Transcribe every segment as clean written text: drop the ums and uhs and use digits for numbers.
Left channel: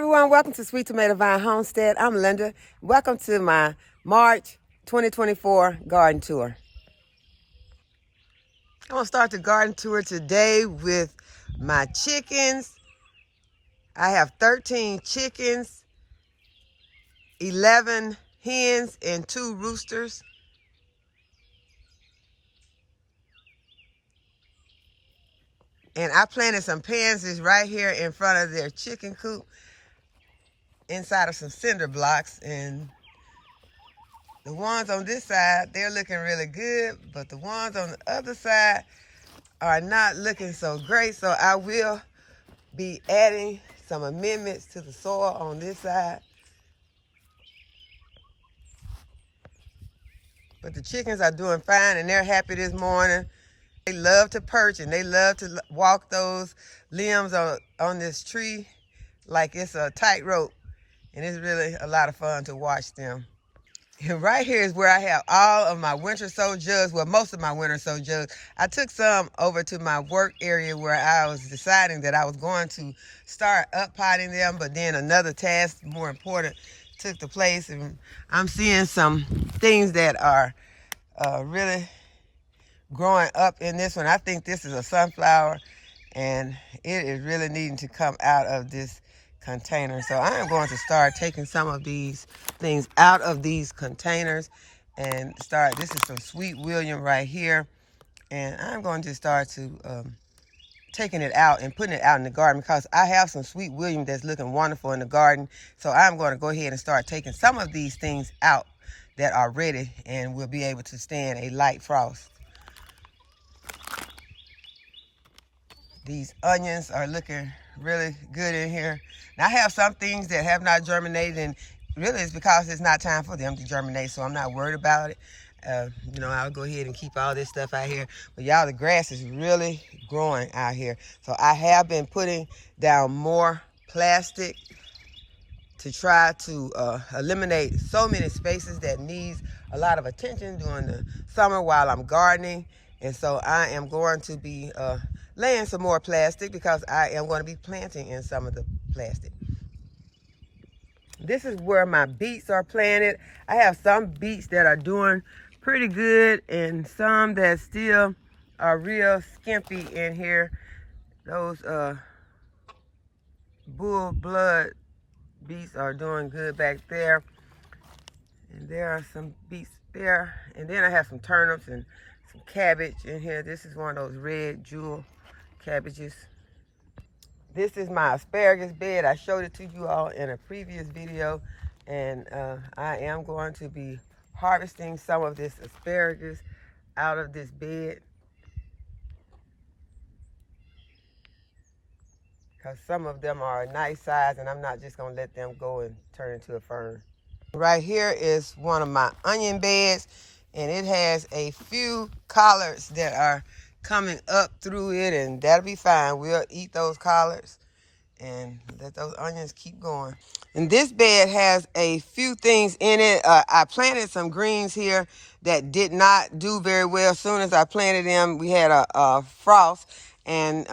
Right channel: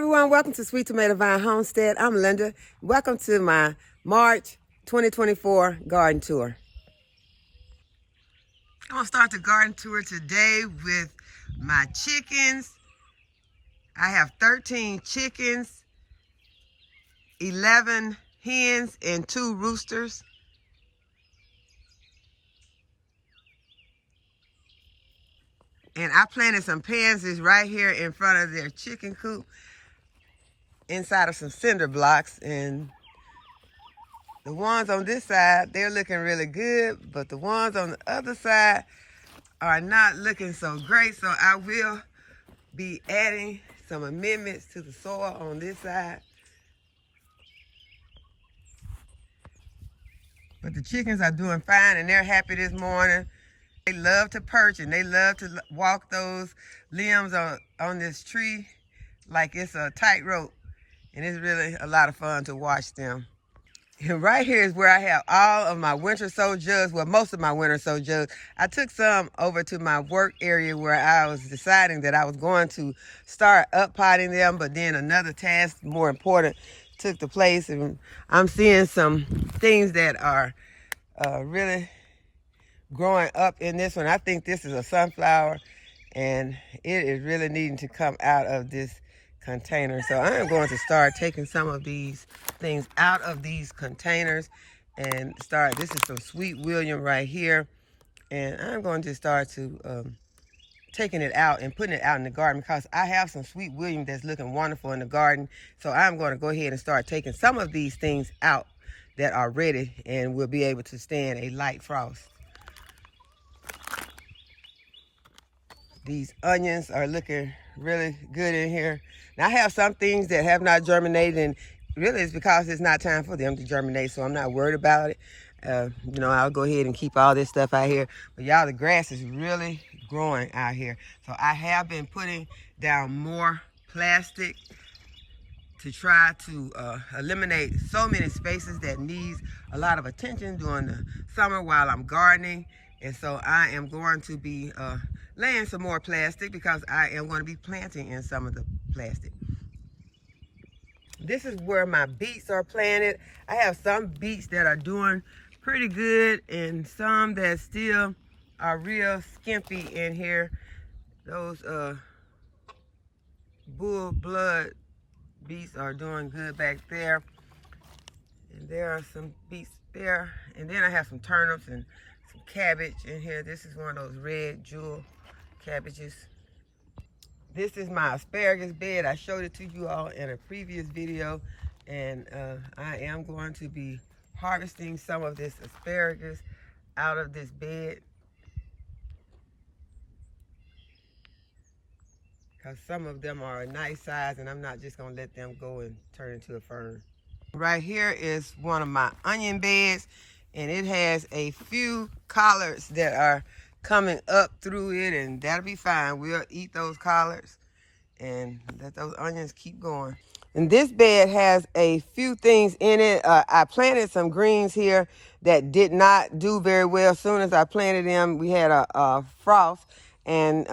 everyone, welcome to Sweet Tomato Vine Homestead. I'm Linda. Welcome to my March 2024 garden tour. I'm going to start the garden tour today with my chickens. I have 13 chickens, 11 hens, and 2 roosters. And I planted some pansies right here in front of their chicken coop inside of some cinder blocks. And the ones on this side, they're looking really good, but the ones on the other side are not looking so great. So I will be adding some amendments to the soil on this side. But the chickens are doing fine and they're happy this morning. They love to perch and they love to walk those limbs on this tree like it's a tightrope. And it's really a lot of fun to watch them. And right here is where I have all of my winter sow jugs, well, most of my winter sow jugs. I took some over to my work area where I was deciding that I was going to start up potting them, but then another task, more important, took the place. And I'm seeing some things that are really growing up in this one. I think this is a sunflower, and it is really needing to come out of this container. So I am going to start taking some of these things out of these containers and start. This is some Sweet William right here, and I'm going to start to taking it out and putting it out in the garden because I have some Sweet William that's looking wonderful in the garden. So I'm going to go ahead and start taking some of these things out that are ready and will be able to stand a light frost. These onions are looking really good in here. Now I have some things that have not germinated, and really it's because it's not time for them to germinate, so I'm not worried about it. I'll go ahead and keep all this stuff out here. But y'all, the grass is really growing out here. So I have been putting down more plastic to try to eliminate so many spaces that needs a lot of attention during the summer while I'm gardening. And so I am going to be laying some more plastic because I am going to be planting in some of the plastic. This is where my beets are planted. I have some beets that are doing pretty good and some that still are real skimpy in here. Those bull blood beets are doing good back there. And there are some beets there. And then I have some turnips and some cabbage in here. This is one of those red jewel cabbages. This is my asparagus bed. I showed it to you all in a previous video, and I am going to be harvesting some of this asparagus out of this bed because some of them are a nice size and I'm not just going to let them go and turn into a fern. Right here is one of my onion beds, and it has a few collards that are coming up through it, and that'll be fine. We'll eat those collards and let those onions keep going. And this bed has a few things in it. I planted some greens here that did not do very well. As soon as I planted them, we had a frost, and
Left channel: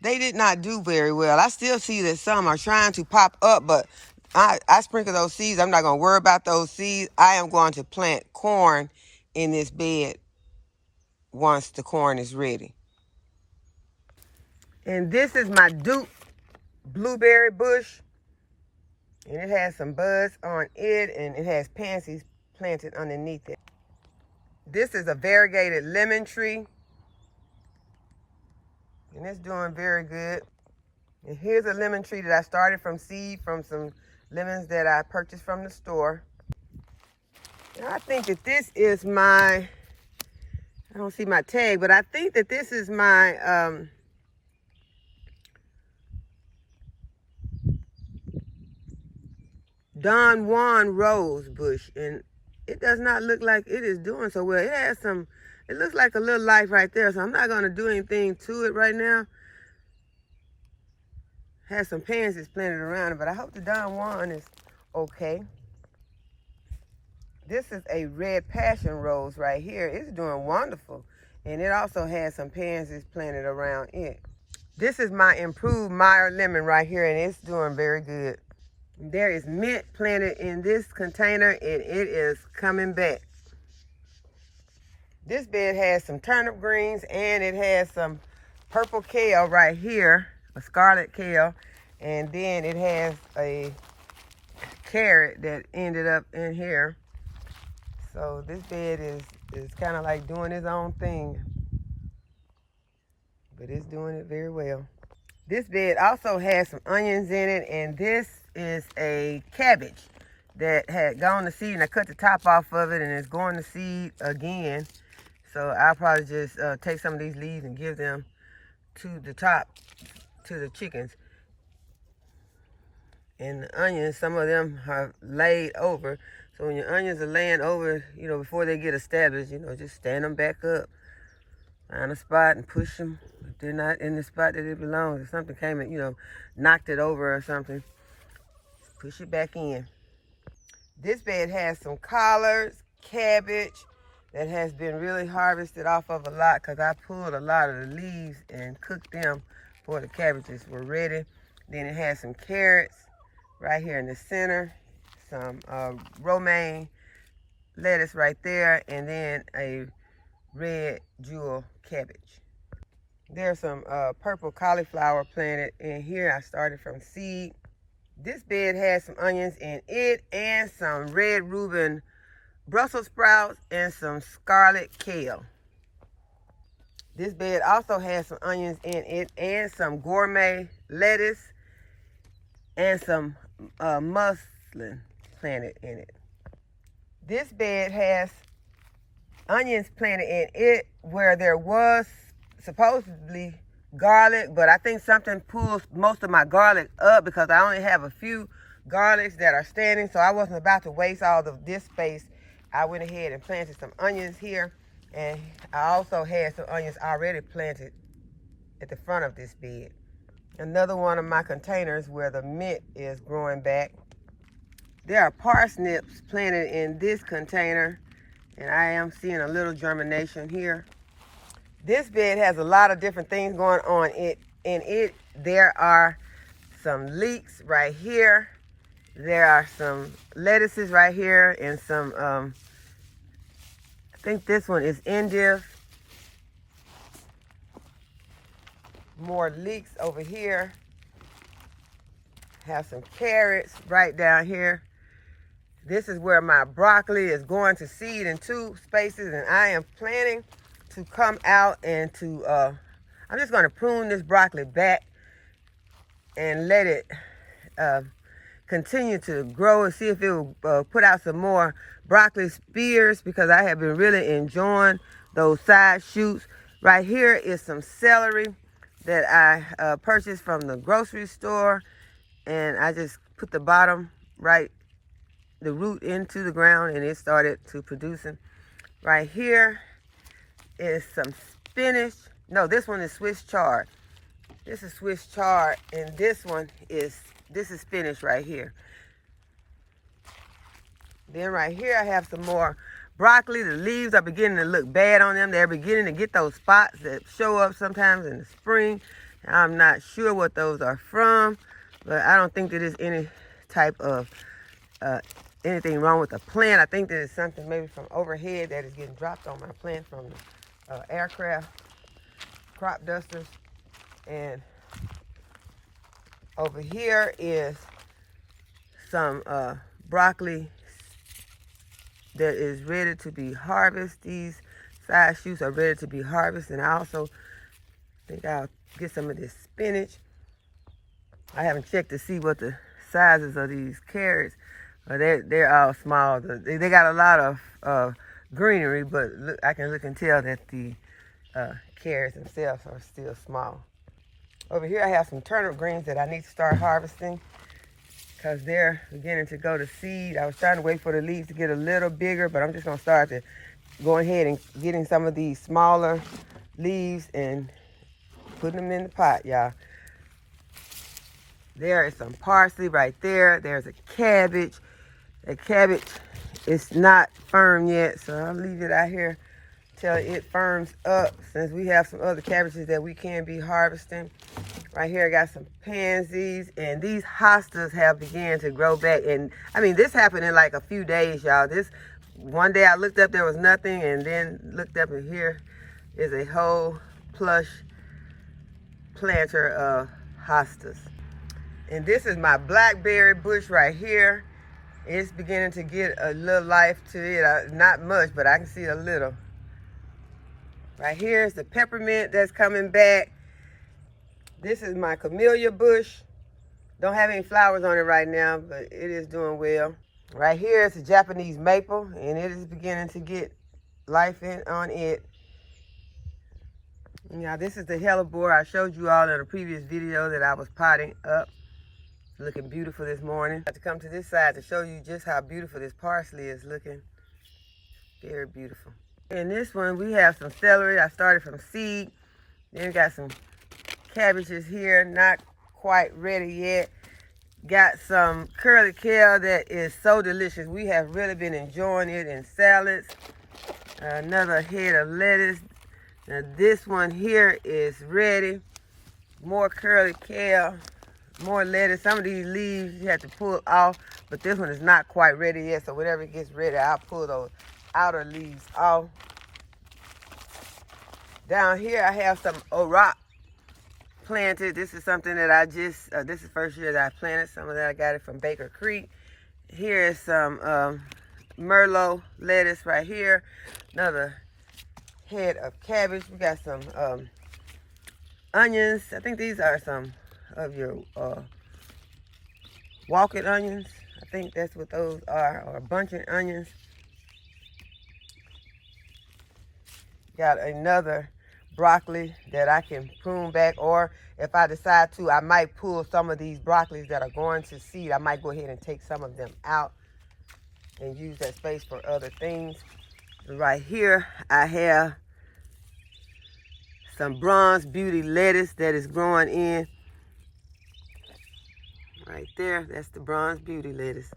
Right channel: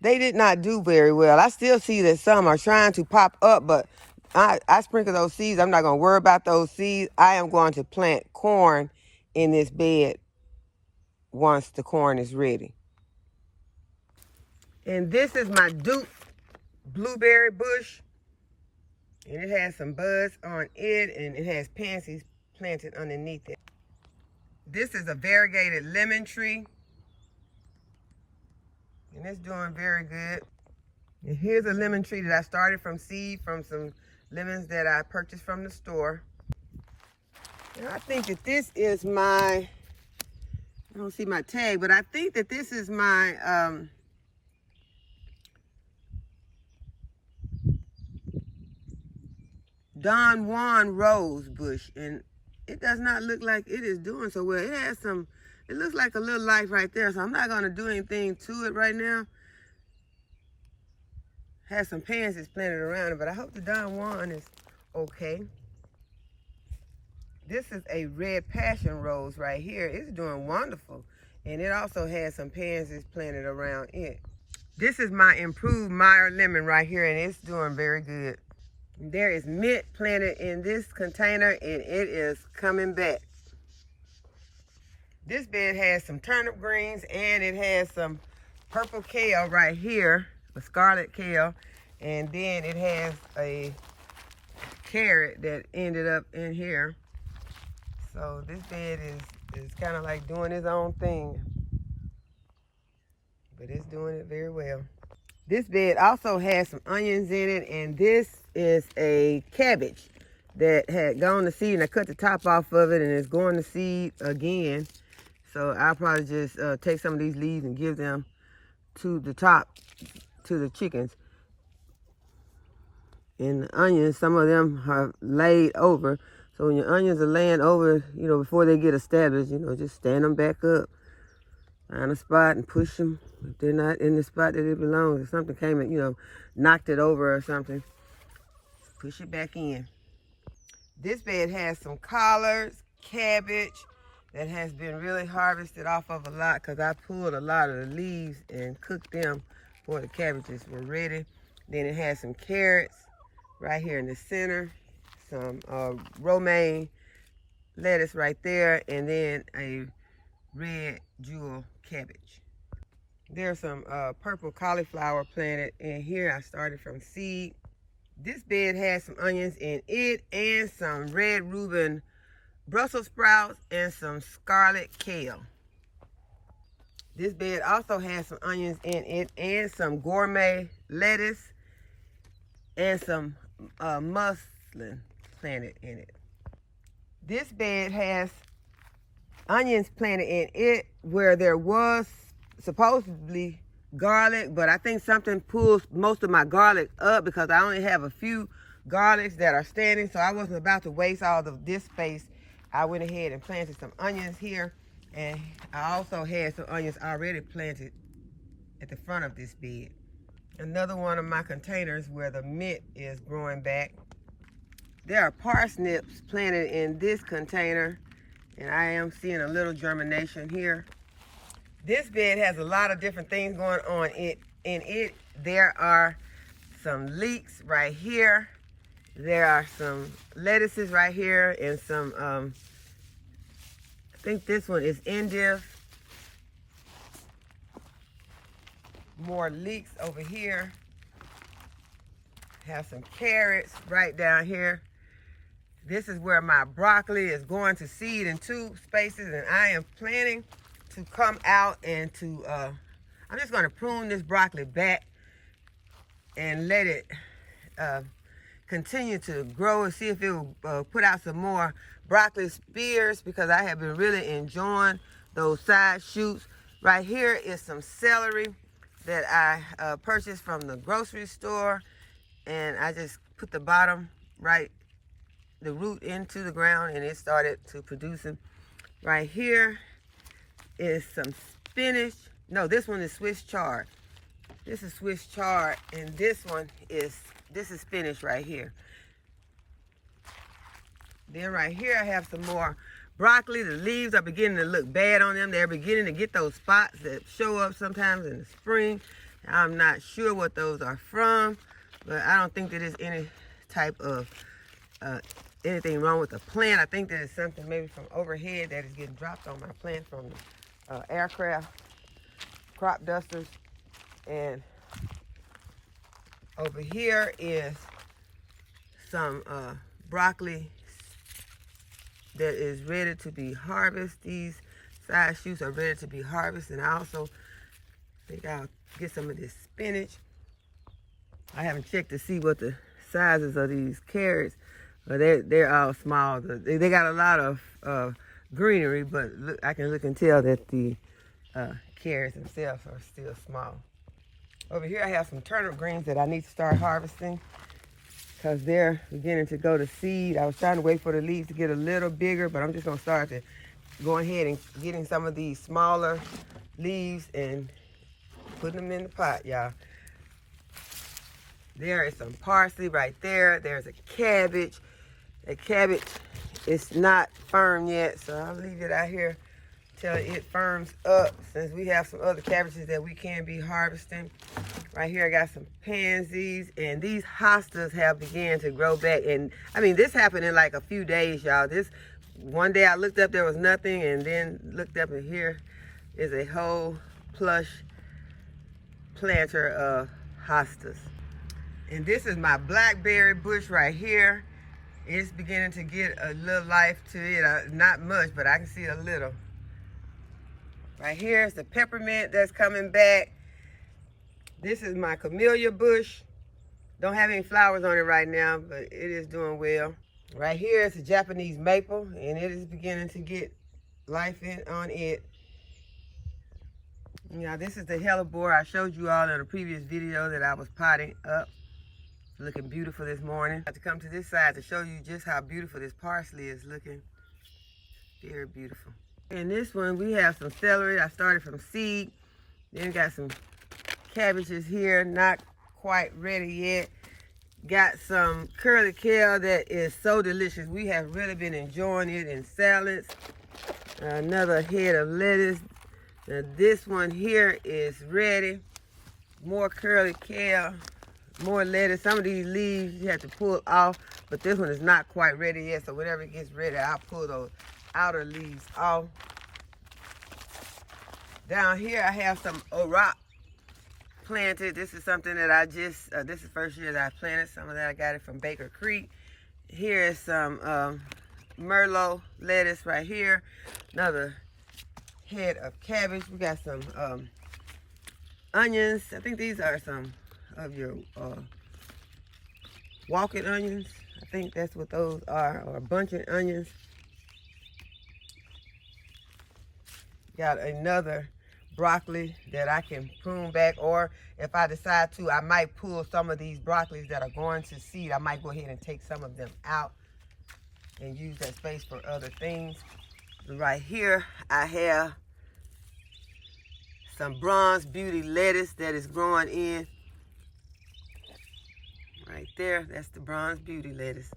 they did not do very well. I still see that some are trying to pop up, but I sprinkle those seeds. I'm not going to worry about those seeds. I am going to plant corn in this bed once the corn is ready. And this is my Duke blueberry bush. And it has some buds on it, and it has pansies planted underneath it. This is a variegated lemon tree. And it's doing very good. And here's a lemon tree that I started from seed from some lemons that I purchased from the store. And I think that this is my, I don't see my tag, but I think that this is my Don Juan rose bush, and it does not look like it is doing so well. It has some, it looks like a little life right there, so I'm not going to do anything to it right now. Has some pansies planted around it, but I hope the Don Juan is okay. This is a red passion rose right here. It's doing wonderful. And it also has some pansies planted around it. This is my improved Meyer lemon right here, and it's doing very good. There is mint planted in this container, and it is coming back. This bed has some turnip greens, and it has some purple kale right here, a scarlet kale, and then it has a carrot that ended up in here. So this bed is kind of like doing its own thing, but it's doing it very well. This bed also has some onions in it, and this is a cabbage that had gone to seed, and I cut the top off of it, and it's going to seed again. So I'll probably just take some of these leaves and give them to the top, to the chickens. And the onions, some of them are laid over. So when your onions are laying over, you know, before they get established, you know, just stand them back up. Find a spot and push them. If they're not in the spot that it belongs, if something came and, you know, knocked it over or something, push it back in. This bed has some collards, cabbage that has been really harvested off of a lot, because I pulled a lot of the leaves and cooked them before the cabbages were ready. Then it has some carrots right here in the center, some romaine lettuce right there, and then a red jewel cabbage. There's some purple cauliflower planted in here. I started from seed. This bed has some onions in it, and some red Reuben Brussels sprouts, and some scarlet kale. This bed also has some onions in it, and some gourmet lettuce, and some muslin planted in it. This bed has onions planted in it where there was supposedly garlic, but I think something pulls most of my garlic up, because I only have a few garlics that are standing, so I wasn't about to waste all of this space. I went ahead and planted some onions here, and I also had some onions already planted at the front of this bed. Another one of my containers where the mint is growing back. There are parsnips planted in this container, and I am seeing a little germination here. This bed has a lot of different things going on in it. There are some leeks right here. There are some lettuces right here, and some, I think this one is endive. More leeks over here. Have some carrots right down here. This is where my broccoli is going to seed in 2 spaces, and I am planning to come out and to, I'm just going to prune this broccoli back and let it continue to grow, and see if it will put out some more broccoli spears, because I have been really enjoying those side shoots. Right here is some celery that I purchased from the grocery store, and I just put the bottom the root into the ground, and it started to producing. Right here is some spinach. No, this one is Swiss chard. This is Swiss chard, and this is spinach right here. Then right here I have some more broccoli. The leaves are beginning to look bad on them. They're beginning to get those spots that show up sometimes in the spring. I'm not sure what those are from, but I don't think that there's any type of anything wrong with the plant. I think that it's something maybe from overhead that is getting dropped on my plant from aircraft, crop dusters. And over here is some broccoli that is ready to be harvested. These side shoots are ready to be harvested. And I also think I'll get some of this spinach. I haven't checked to see what the sizes of these carrots, but they're all small. They got a lot of greenery, but I can look and tell that the carrots themselves are still small. Over here I have some turnip greens that I need to start harvesting, because they're beginning to go to seed. I was trying to wait for the leaves to get a little bigger, but I'm just going to start to go ahead and getting some of these smaller leaves and putting them in the pot, y'all. There is some parsley right there. There's a cabbage. The cabbage is not firm yet, so I'll leave it out here till it firms up, since we have some other cabbages that we can be harvesting. Right here I got some pansies, and these hostas have begun to grow back. And I mean, this happened in like a few days, y'all. This one day I looked up, there was nothing, and then looked up, and here is a whole plush planter of hostas. And this is my blackberry bush right here. It's beginning to get a little life to it. Not much, but I can see a little. Right here is the peppermint that's coming back. This is my camellia bush. Don't have any flowers on it right now, but it is doing well. Right here is the Japanese maple, and it is beginning to get life on it. Now this is the hellebore I showed you all in a previous video that I was potting up. Looking beautiful this morning. I have to come to this side to show you just how beautiful this parsley is looking. Very beautiful. In this one we have some celery. I started from seed. Then we got some cabbages here, not quite ready yet. Got some curly kale that is so delicious. We have really been enjoying it in salads. Another head of lettuce. Now this one here is ready. More curly kale, more lettuce. Some of these leaves you have to pull off, but this one is not quite ready yet. So whenever it gets ready, I'll pull those outer leaves off. Down here I have some orach planted. This is something that I just, this is the first year that I planted. Some of that I got it from Baker Creek. Here is some Merlot lettuce right here. Another head of cabbage. We got some onions. I think these are some of your walking onions. I think that's what those are, or bunching onions. Got another broccoli that I can prune back, or if I decide to, I might pull some of these broccolis that are going to seed. I might go ahead and take some of them out and use that space for other things. Right here I have some bronze beauty lettuce that is growing in. Right there, that's the bronze beauty lettuce.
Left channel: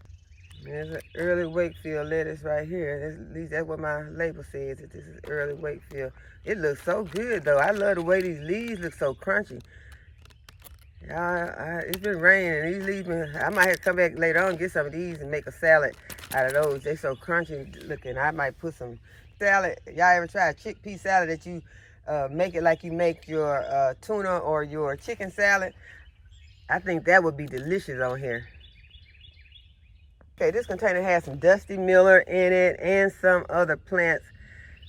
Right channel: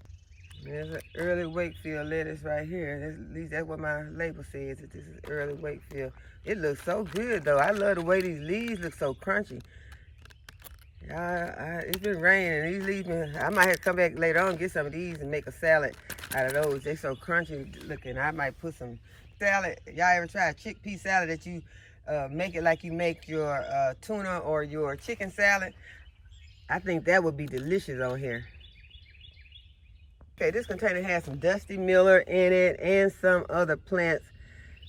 There's an early Wakefield lettuce right here. At least that's what my label says, that this is early Wakefield. It looks so good though. I love the way these leaves look so crunchy. It's been raining. These leaves, I might have to come back later on and get some of these and make a salad out of those. They're so crunchy looking. I might put some salad. Y'all ever try a chickpea salad that you make it like you make your tuna or your chicken salad? I think that would be delicious on here. Okay, this container has some Dusty Miller in it and some other plants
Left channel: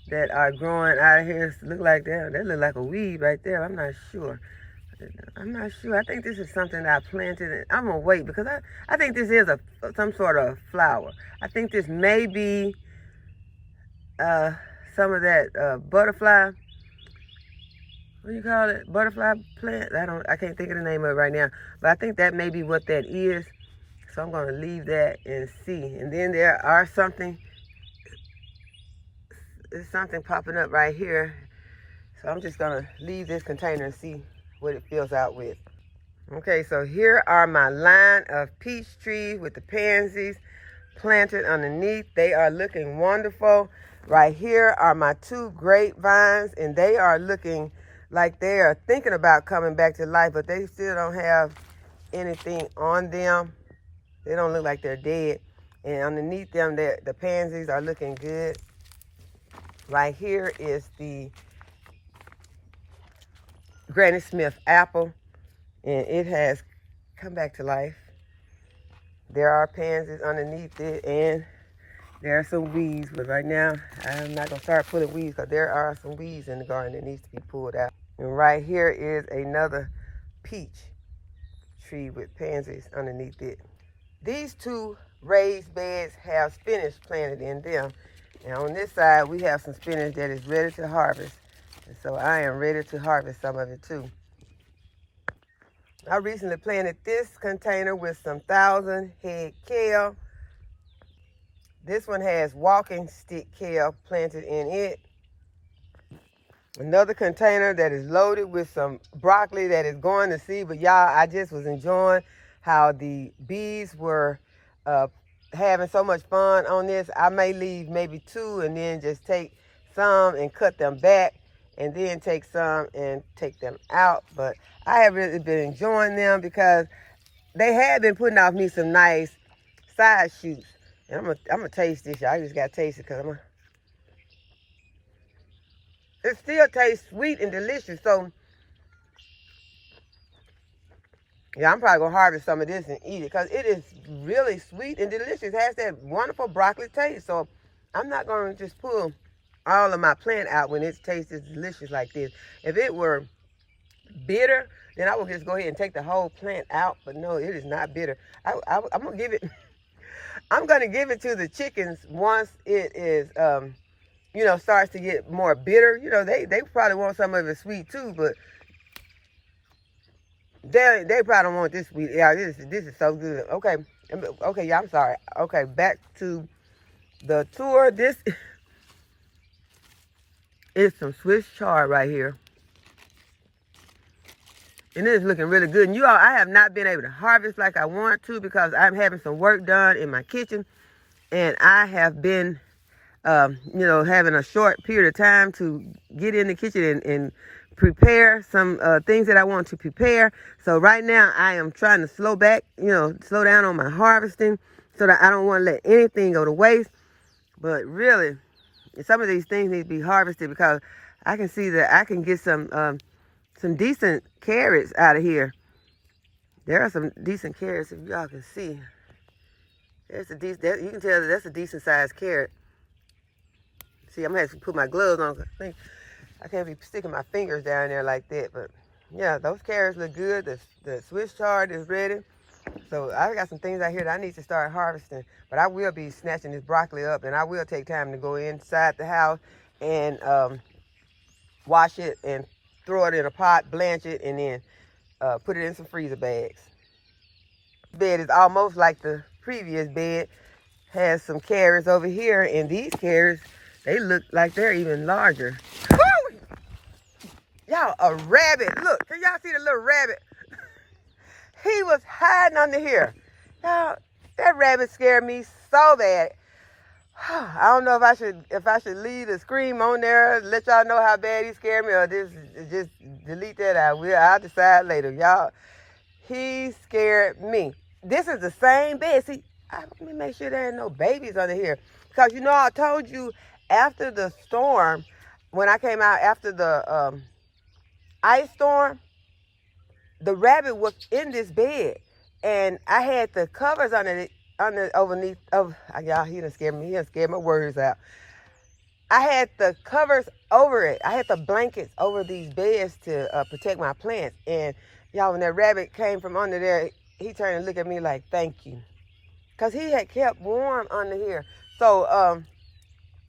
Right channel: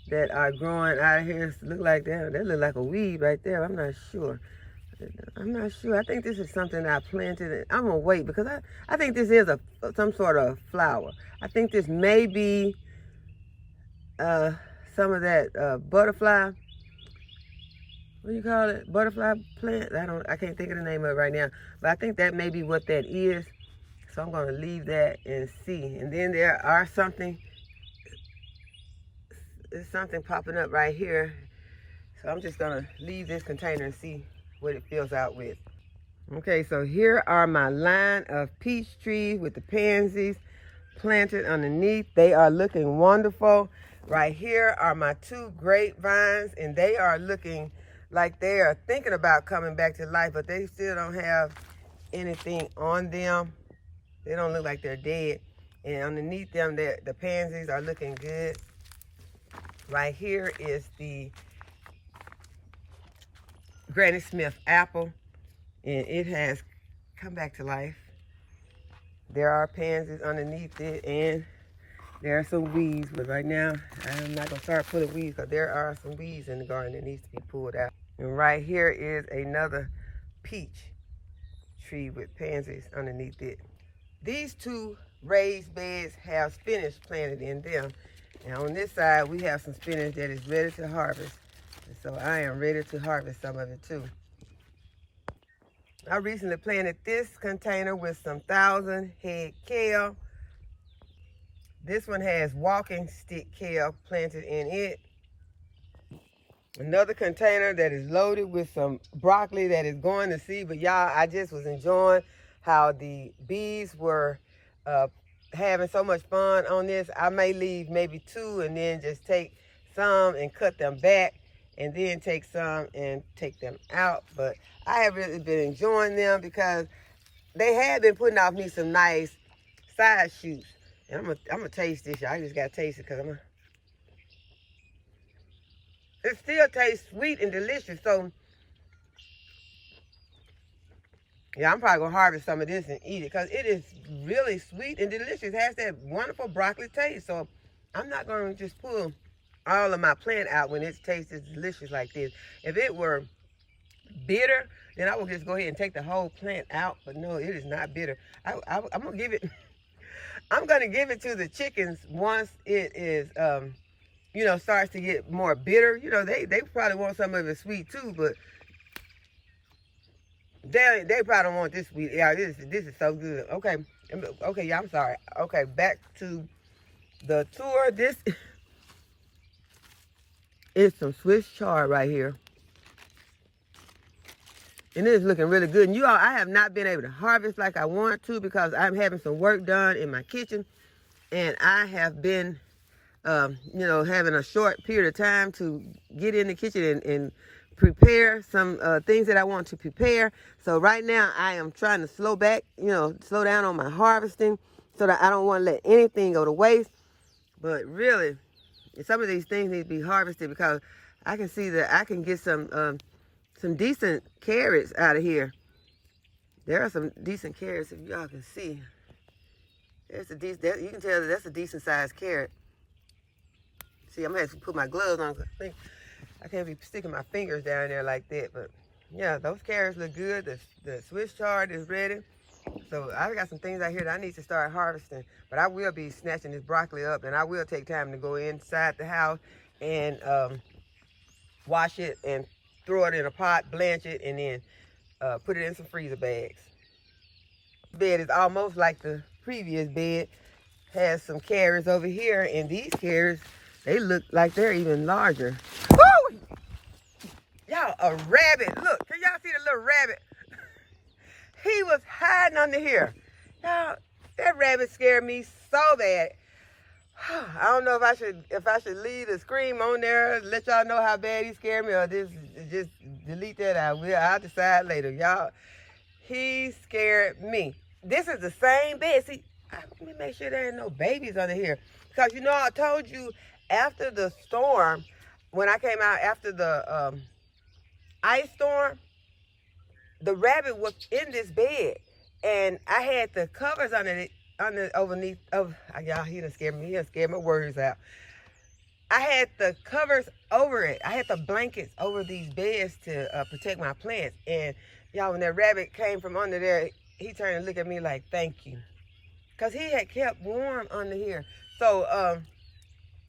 that are growing out of here. Look like that. That look like a weed right there. I'm not sure. I think this is something that I planted. I'm gonna wait because I think this is some sort of flower. I think this may be some of that butterfly. What do you call it? Butterfly plant? I can't think of the name of it right now. But I think that may be what that is. So I'm gonna leave that and see. And then there are there's something popping up right here. So I'm just gonna leave this container and see what it fills out with. Okay, so here are my line of peach trees with the pansies planted underneath. They are looking wonderful. Right here are my 2 grapevines, and they are looking like they are thinking about coming back to life, but they still don't have anything on them. They don't look like they're dead. And underneath them, the pansies are looking good. Right here is the Granny Smith apple, and it has come back to life. There are pansies underneath it, and there are some weeds, but right now I'm not gonna start pulling weeds because there are some weeds in the garden that needs to be pulled out. And right here is another peach tree with pansies underneath it. These 2 raised beds have spinach planted in them, and on this side we have some spinach that is ready to harvest. So I am ready to harvest some of it too. I recently planted this container with some 1,000-head kale. This one has walking stick kale planted in it. Another container that is loaded with some broccoli that is going to seed. But y'all, I just was enjoying how the bees were having so much fun on this. I may leave maybe 2 and then just take some and cut them back and then take some and take them out. But I have really been enjoying them because they had been putting off me some nice side shoots. And I'm gonna taste this, y'all. I just gotta taste it because it still tastes sweet and delicious. So yeah, I'm probably gonna harvest some of this and eat it because it is really sweet and delicious. It has that wonderful broccoli taste. So I'm not gonna just pull all of my plant out when it tastes delicious like this. If it were bitter, then I would just go ahead and take the whole plant out. But no, it is not bitter. I'm gonna give it. I'm gonna give it to the chickens once it is, you know, starts to get more bitter. You know, they probably want some of it sweet too, but they probably don't want this sweet. Yeah, this is so good. Okay, yeah, I'm sorry. Okay, back to the tour. This is some Swiss chard right here. And it is looking really good. And you all, I have not been able to harvest like I want to because I'm having some work done in my kitchen. And I have been, you know, having a short period of time to get in the kitchen and prepare some things that I want to prepare. So right now I am trying to slow back, you know, slow down on my harvesting so that I don't want to let anything go to waste. But really, some of these things need to be harvested because I can see that I can get some decent carrots out of here. There are some decent carrots, if y'all can see. There's a decent, you can tell that that's a decent sized carrot. See, I'm gonna have to put my gloves on. I can't be sticking my fingers down there like that, but yeah, those carrots look good. The Swiss chard is ready. So I got some things out here that I need to start harvesting, but I will be snatching this broccoli up, and I will take time to go inside the house and wash it and throw it in a pot, blanch it, and then put it in some freezer bags. The bed is almost like the previous bed. Has some carrots over here, and these carrots, they look like they're even larger. Oh! Y'all, a rabbit. Look, can y'all see the little rabbit? He was hiding under here. Y'all, that rabbit scared me so bad. I don't know if I should leave a scream on there, let y'all know how bad he scared me, or just delete that out. I'll decide later, y'all. He scared me. This is the same bed. See, let me make sure there ain't no babies under here, because you know I told you after the storm, when I came out after the ice storm, the rabbit was in this bed, and I had the covers underneath. Y'all, he done scared me. He done scared my words out. I had the covers over it. I had the blankets over these beds to protect my plants. And y'all, when that rabbit came from under there, he turned and looked at me like, thank you. Because he had kept warm under here. So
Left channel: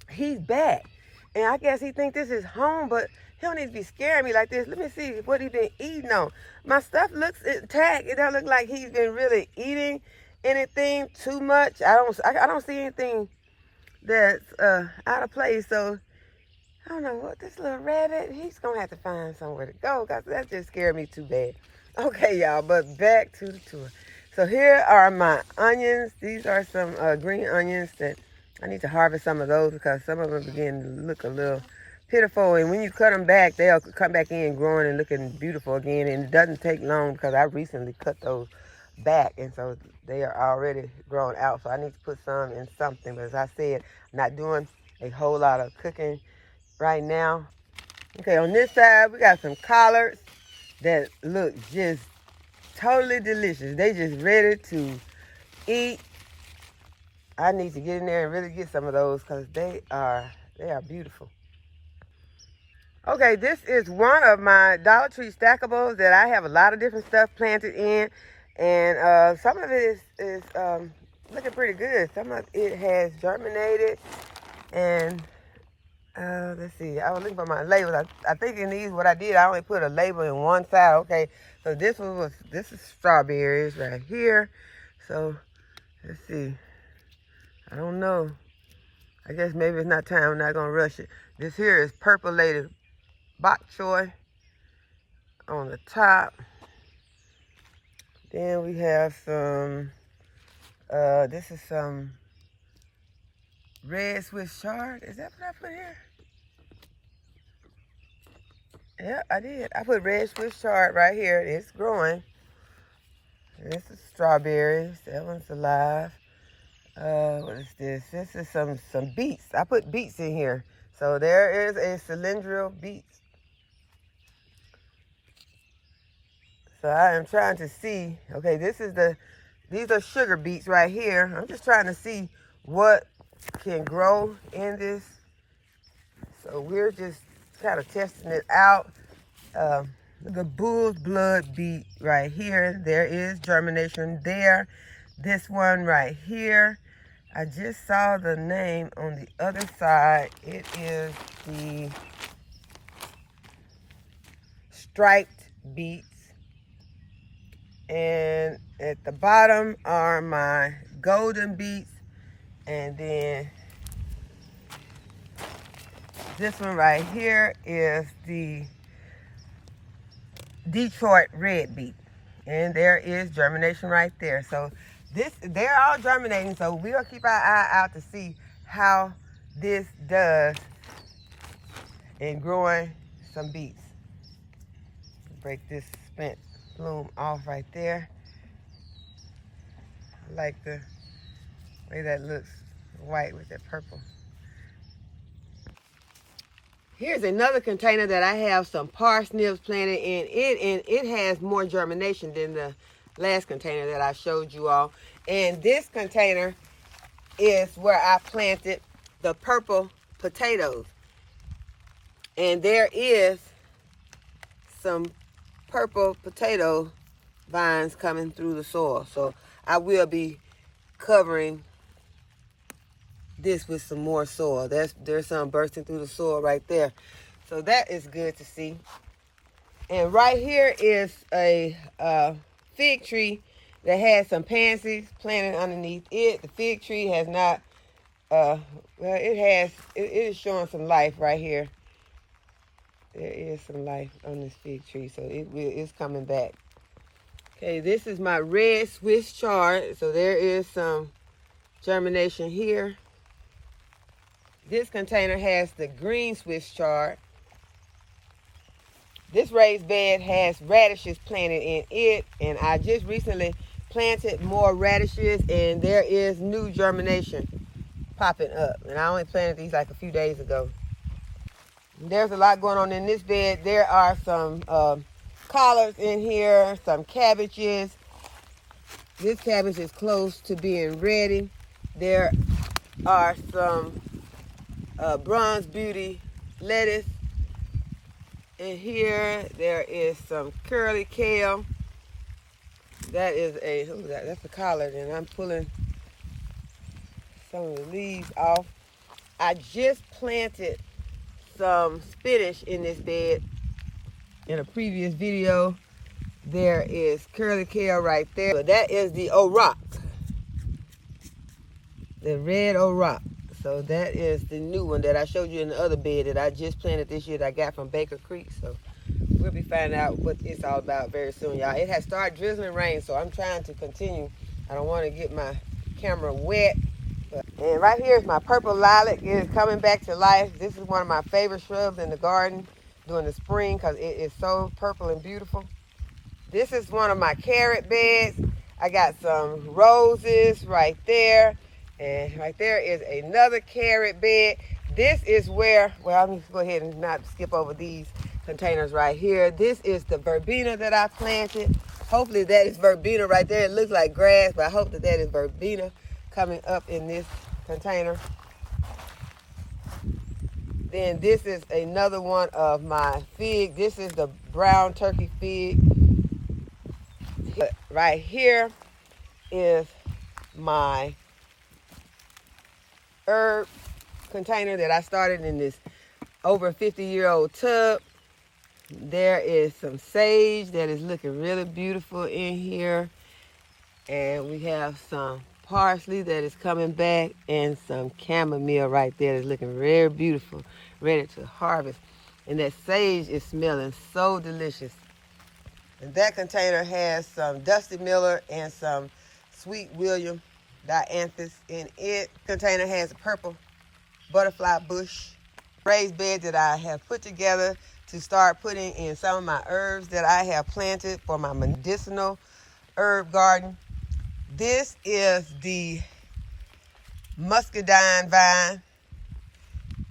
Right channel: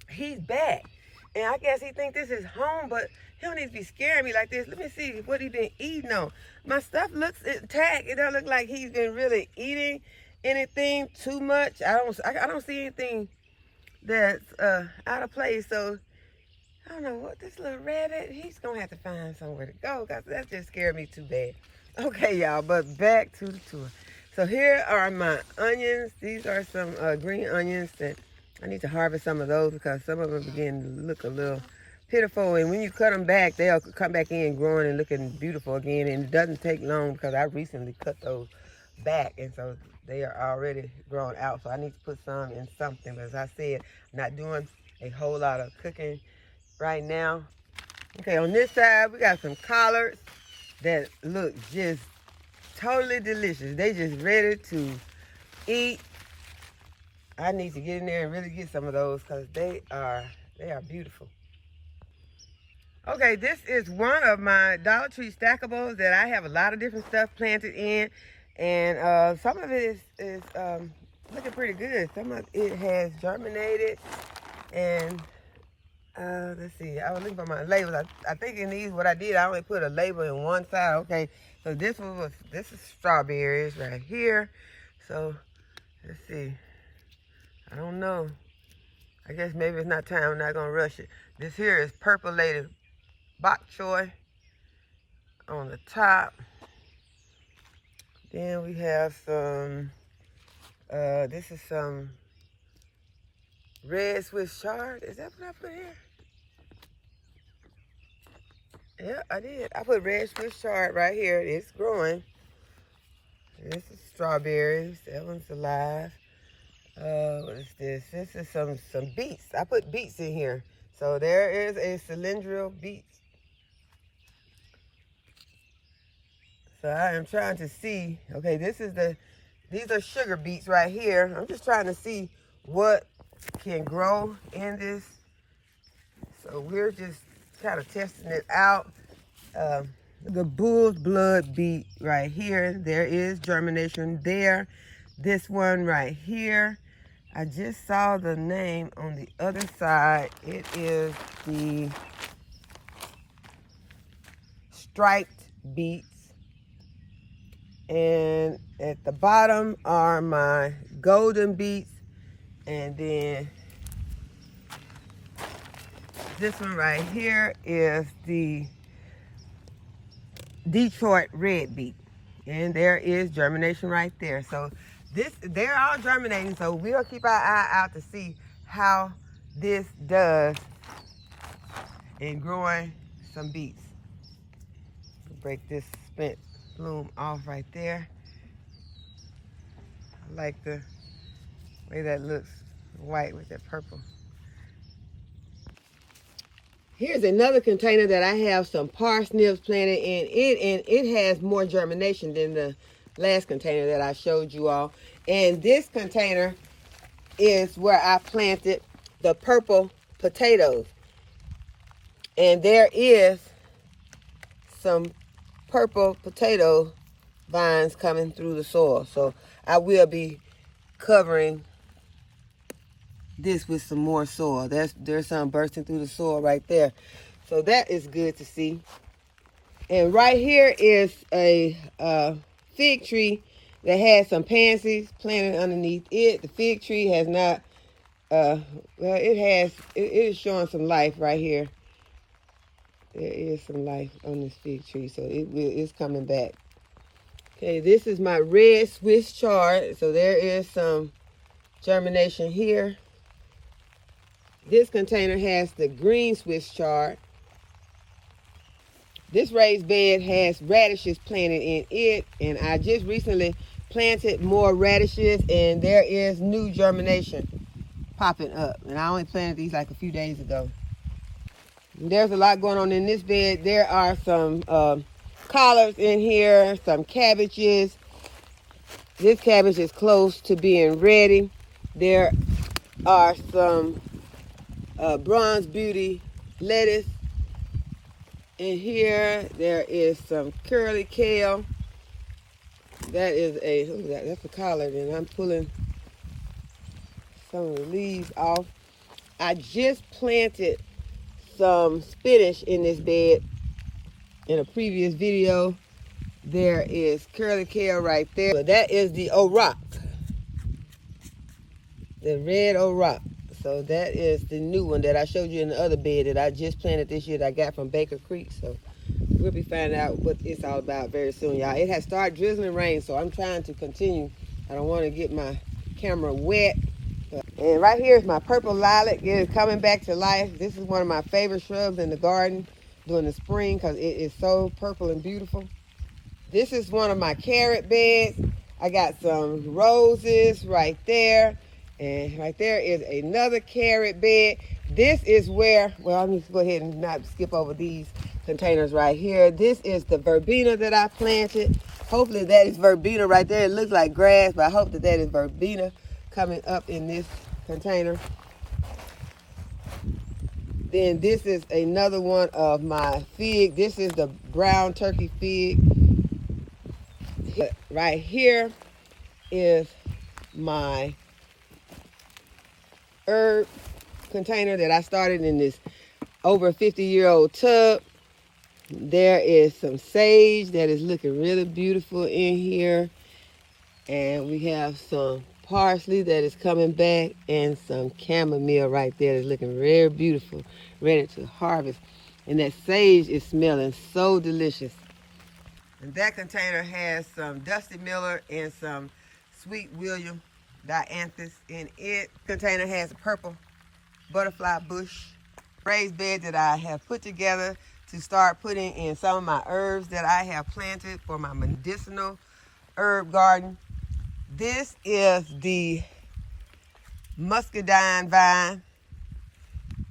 he's back. And I guess he think this is home, but he don't need to be scaring me like this. Let me see what he been eating on. My stuff looks intact. It don't look like he's been really eating anything too much. I don't see anything that's out of place. So I don't know what this little rabbit, he's gonna have to find somewhere to go, because that just scared me too bad. Okay, y'all, but back to the tour. So here are my onions. These are some green onions that I need to harvest some of those, because some of them begin to look a little pitiful, and when you cut them back, they'll come back in growing and looking beautiful again. And it doesn't take long, because I recently cut those back, and so they are already grown out. So I need to put some in something. But as I said, I'm not doing a whole lot of cooking right now. Okay, on this side we got some collards that look just totally delicious. They just ready to eat. I need to get in there and really get some of those, because they are beautiful. Okay, this is one of my Dollar Tree stackables that I have a lot of different stuff planted in. And some of it is looking pretty good. Some of it has germinated. And let's see, I was looking for my labels. I think in these, what I did, I only put a label in one side. Okay, so this is strawberries right here. So let's see. I don't know. I guess maybe it's not time. I'm not gonna rush it. This here is purpleated bok choy on the top. Then we have some, this is some red Swiss chard. Is that what I put here? Yeah, I did. I put red Swiss chard right here. It's growing. This is strawberries. That one's alive. What is this? This is some beets. I put beets in here. So there is a cylindrical beet. So I am trying to see. Okay, these are sugar beets right here. I'm just trying to see what can grow in this. So we're just kind of testing it out. The bull's blood beet right here. There is germination there. This one right here. I just saw the name on the other side. It is the striped beets. And at the bottom are my golden beets. And then this one right here is the Detroit red beet. And there is germination right there. So they're all germinating. So we'll keep our eye out to see how this does in growing some beets. Break this spent bloom off right there. I like the way that looks, white with that purple. Here's another container that I have some parsnips planted in it, and it has more germination than the last container that I showed you all. And this container is where I planted the purple potatoes. And there is some purple potato vines coming through the soil. So I will be covering this with some more soil. There's some bursting through the soil right there. So that is good to see. And right here is a fig tree that has some pansies planted underneath it. The fig tree has not, well, it is showing some life right here. There is some life on this fig tree, so it's coming back. Okay, this is my red Swiss chard. So there is some germination here. This container has the green Swiss chard. This raised bed has radishes planted in it, and I just recently planted more radishes, and there is new germination popping up. And I only planted these like a few days ago. There's a lot going on in this bed. There are some collards in here, some cabbages. This cabbage is close to being ready. There are some bronze beauty lettuce. And here there is some curly kale. That is that's a collard, and I'm pulling some of the leaves off. I just planted some spinach in this bed in a previous video. There is curly kale right there. So that is the Orok, the red Orok. So that is the new one that I showed you in the other bed that I just planted this year that I got from Baker Creek. So we'll be finding out what it's all about very soon, y'all. It has started drizzling rain, so I'm trying to continue. I don't want to get my camera wet. And right here is my purple lilac. It is coming back to life. This is one of my favorite shrubs in the garden during the spring because it is so purple and beautiful. This is one of my carrot beds. I got some roses right there. And right there is another carrot bed. This is where, well, I'm just go ahead and not skip over these containers right here. This is the verbena that I planted. Hopefully that is verbena right there. It looks like grass, but I hope that is verbena coming up in this container. Then this is another one of my fig. This is the brown turkey fig. Right here is my herb container that I started in this over 50-year-old tub. There is some sage that is looking really beautiful in here. And we have some parsley that is coming back and some chamomile right there that's looking very beautiful, ready to harvest. And that sage is smelling so delicious. And that container has some Dusty Miller and some Sweet William dianthus in it. The container has a purple butterfly bush raised bed that I have put together to start putting in some of my herbs that I have planted for my medicinal herb garden. This is the muscadine vine,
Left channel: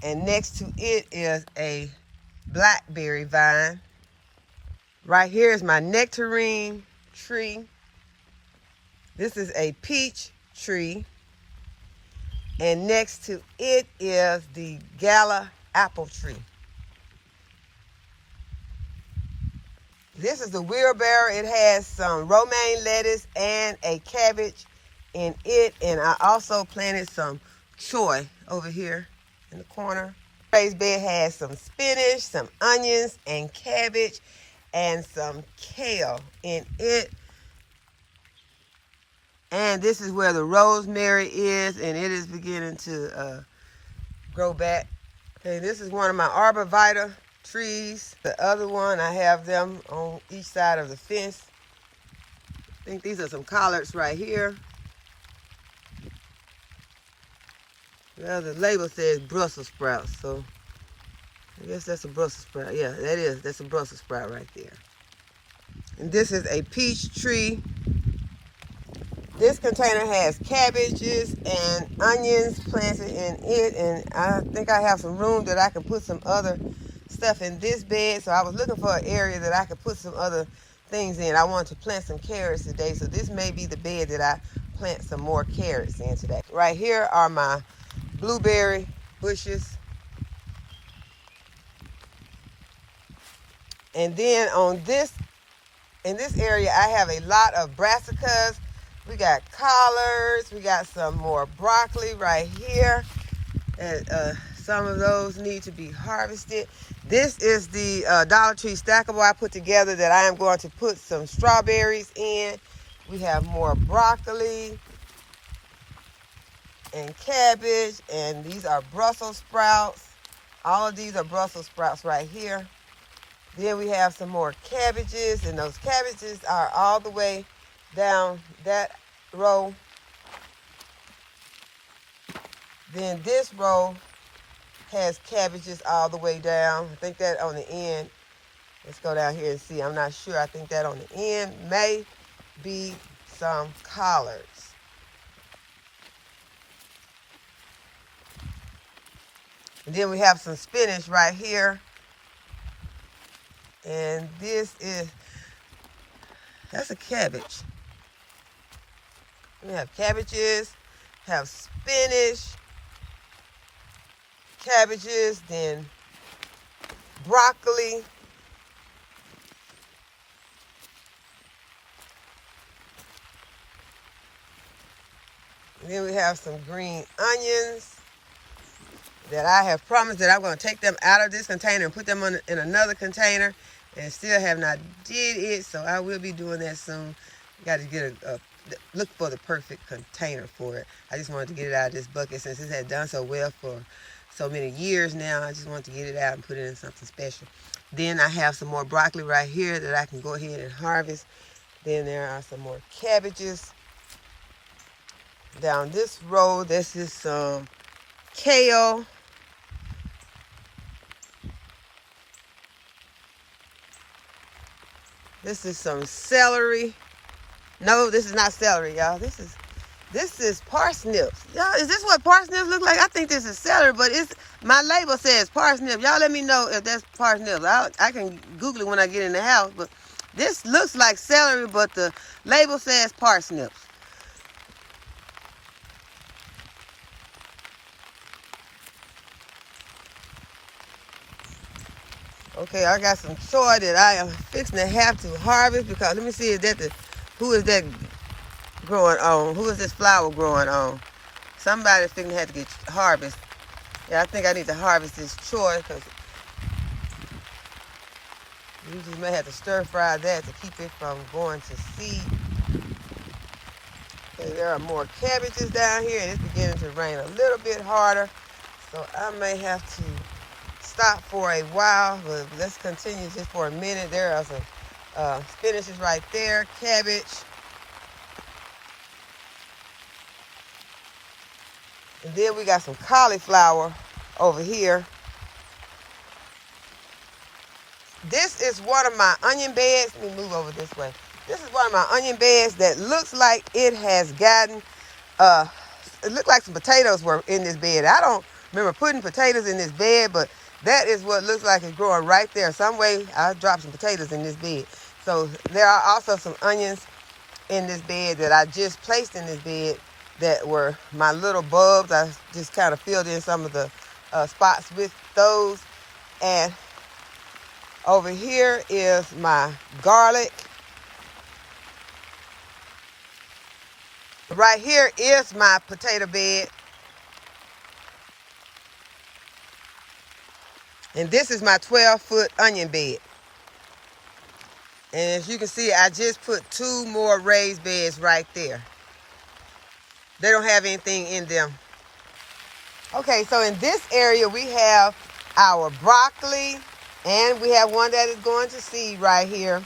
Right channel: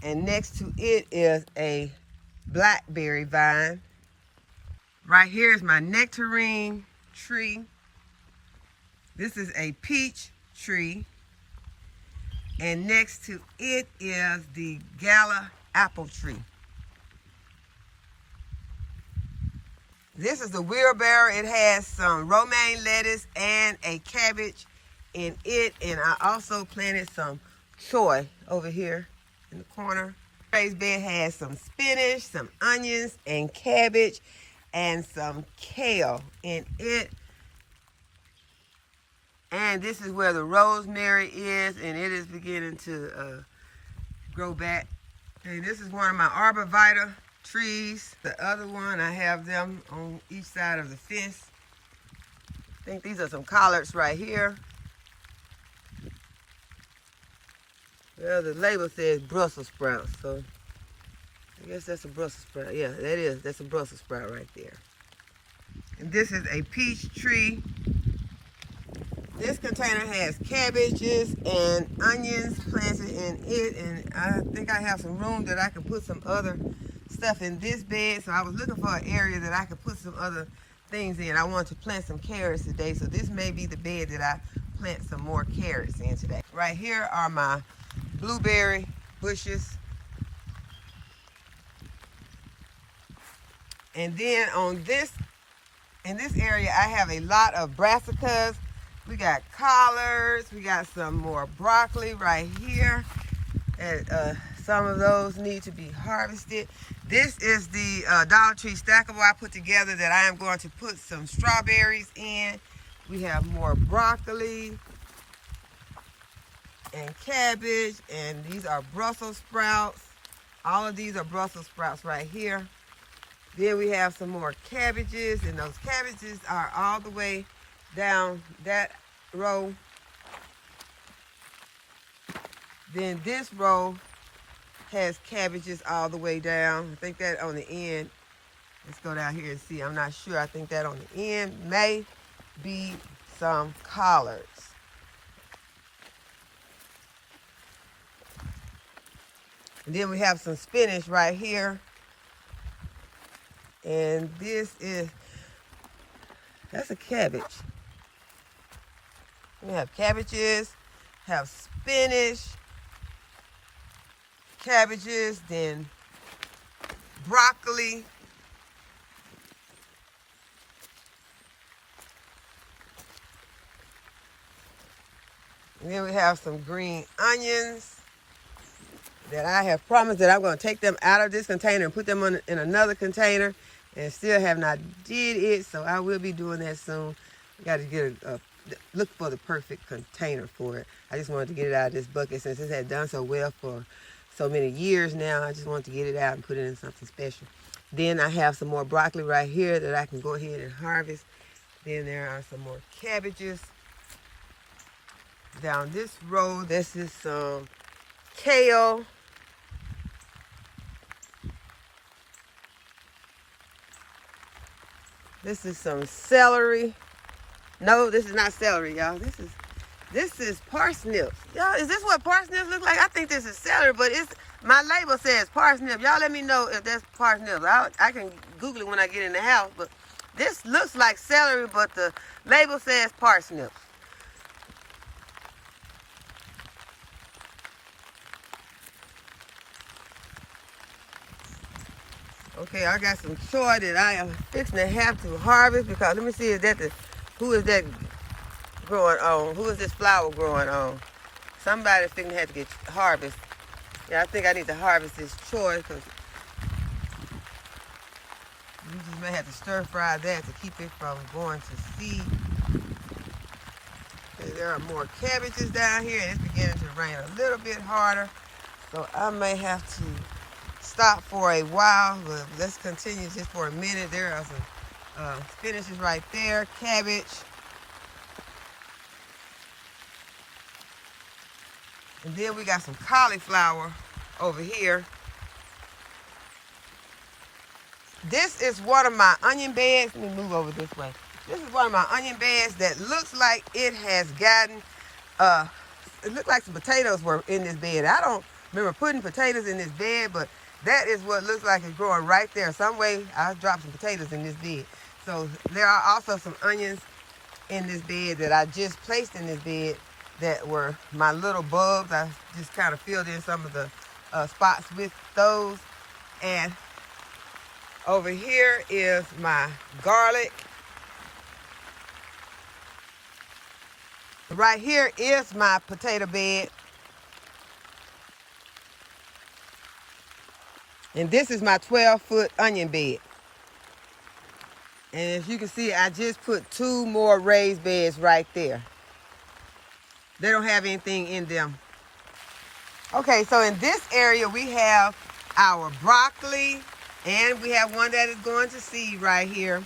and next to it is a blackberry vine. Right here is my nectarine tree. This is a peach tree, and next to it is the gala apple tree. This is the wheelbarrow. It has some romaine lettuce and a cabbage in it, and I also planted some choy over here in the corner. Raised bed has some spinach, some onions, and cabbage, and some kale in it. And this is where the rosemary is, and it is beginning to grow back. Okay, this is one of my arborvitae trees. The other one, I have them on each side of the fence. I think these are some collards right here. Well, the label says Brussels sprouts, so I guess that's a Brussels sprout. Yeah, that is. That's a Brussels sprout right there. And this is a peach tree. This container has cabbages and onions planted in it, and I think I have some room that I can put some other stuff in this bed. So I was looking for an area that I could put some other things in. I wanted to plant some carrots today, so this may be the bed that I plant some more carrots in today. Right here are my blueberry bushes. And then in this area, I have a lot of brassicas. We got collards. We got some more broccoli right here. And some of those need to be harvested. This is the Dollar Tree stackable I put together that I am going to put some strawberries in. We have more broccoli and cabbage, and these are Brussels sprouts. All of these are Brussels sprouts right here. Then we have some more cabbages, and those cabbages are all the way down that row. Then this row has cabbages all the way down. I think that on the end, let's go down here and see. I'm not sure. I think that on the end may be some collards. And then we have some spinach right here. And that's a cabbage. We have cabbages, have spinach, cabbages, then broccoli. And then we have some green onions that I have promised that I'm going to take them out of this container and put them in another container, and still have not did it, so I will be doing that soon. Got to get look for the perfect container for it. I just wanted to get it out of this bucket since it had done so well for so many years now. I just wanted to get it out and put it in something special. Then I have some more broccoli right here that I can go ahead and harvest. Then there are some more cabbages. Down this row, this is some kale. This is some celery. No, this is not celery, y'all. This is parsnips. Y'all, is this what parsnips look like? I think this is celery, but my label says parsnip. Y'all let me know if that's parsnips. I can Google it when I get in the house, but this looks like celery, but the label says parsnips. Okay, I got some soy that I am fixing to have to harvest, because let me see, who is that growing on? Who is this flower growing on? Somebody's fixing to have to get harvest. Yeah, I think I need to harvest this choy, because you just may have to stir fry that to keep it from going to seed. And there are more cabbages down here, and it's beginning to rain a little bit harder, so I may have to stop for a while, but let's continue just for a minute. There are some spinaches right there, cabbage. And then we got some cauliflower over here. This is one of my onion beds. Let me move over this way. This is one of my onion beds that looks like it has gotten, it looked like some potatoes were in this bed. I don't remember putting potatoes in this bed, but that is what looks like it's growing right there. Some way I dropped some potatoes in this bed. So there are also some onions in this bed that I just placed in this bed that were my little bulbs. I just kind of filled in some of the spots with those. And over here is my garlic. Right here is my potato bed. And this is my 12-foot onion bed. And as you can see, I just put 2 more raised beds right there. They don't have anything in them. Okay, so in this area, we have our broccoli, and we have one that is going to seed right here.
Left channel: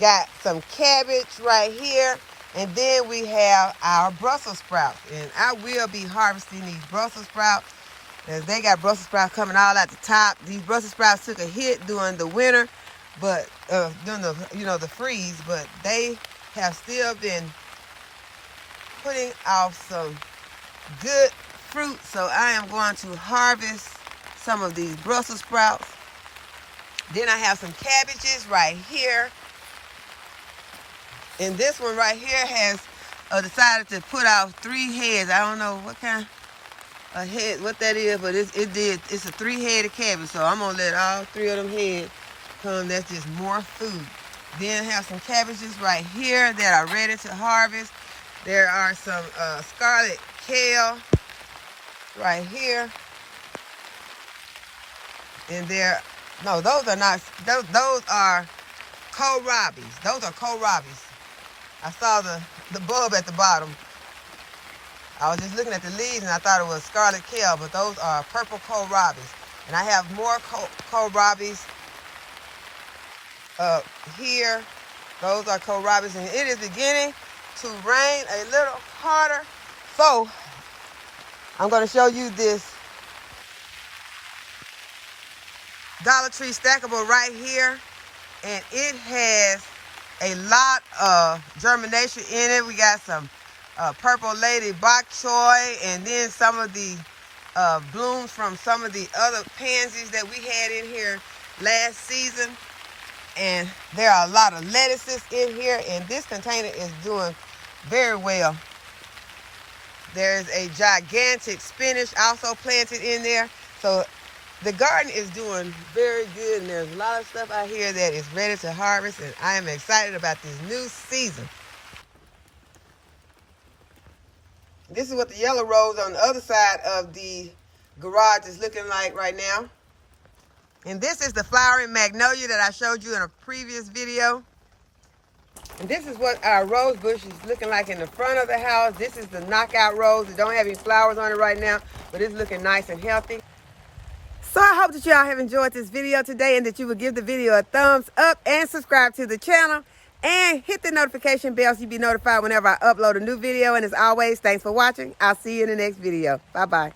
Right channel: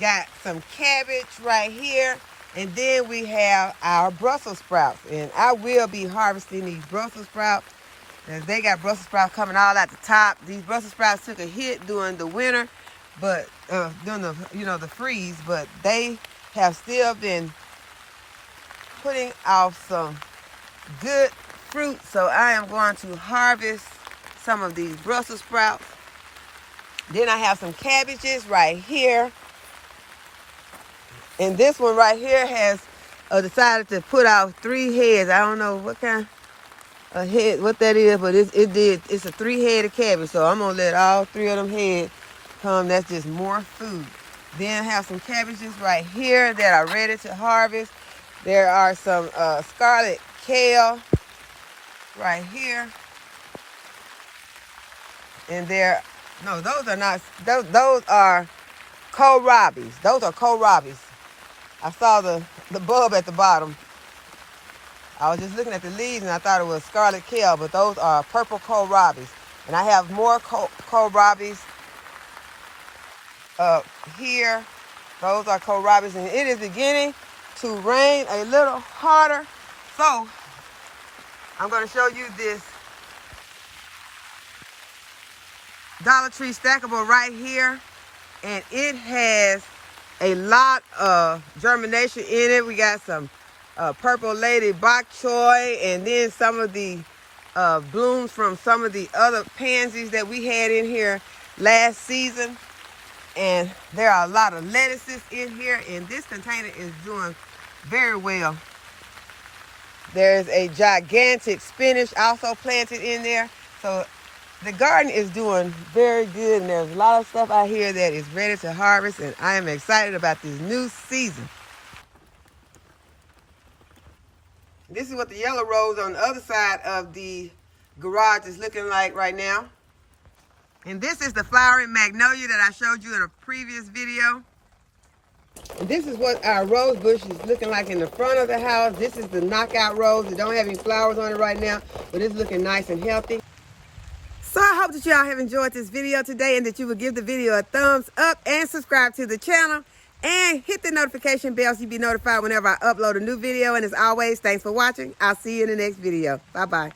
Got some cabbage right here, and then we have our Brussels sprouts. And I will be harvesting these Brussels sprouts. As they got Brussels sprouts coming all at the top. These Brussels sprouts took a hit during the winter, but during the the freeze, but they have still been putting off some good fruit. So I am going to harvest some of these Brussels sprouts. Then I have some cabbages right here. And this one right here has decided to put out 3 heads. I don't know what kind of head, what that is, but it's a 3-headed cabbage. So I'm gonna let all 3 of them heads come. That's just more food. Then I have some cabbages right here that are ready to harvest. There are some scarlet kale right here. And no, those are not, those are kohlrabis. Those are kohlrabis. I saw the bulb at the bottom. I was just looking at the leaves and I thought it was scarlet kale, but those are purple kohlrabis. And I have more kohlrabis up here. Those are kohlrabis, and it is beginning to rain a little harder. So I'm going to show you this Dollar Tree stackable right here, and it has a lot of germination in it. We got some purple lady bok choy, and then some of the blooms from some of the other pansies that we had in here last season. And there are a lot of lettuces in here, and this container is doing very well. There's a gigantic spinach also planted in there. So the garden is doing very good, and there's a lot of stuff out here that is ready to harvest, and I am excited about this new season. This is what the yellow rose on the other side of the garage is looking like right now. And this is the flowering magnolia that I showed you in a previous video. And this is what our rose bush is looking like in the front of the house. This is the knockout rose. It don't have any flowers on it right now, but it's looking nice and healthy. So I hope that y'all have enjoyed this video today, and that you will give the video a thumbs up and subscribe to the channel and hit the notification bell so you'll be notified whenever I upload a new video. And as always, thanks for watching. I'll see you in the next video. Bye-bye.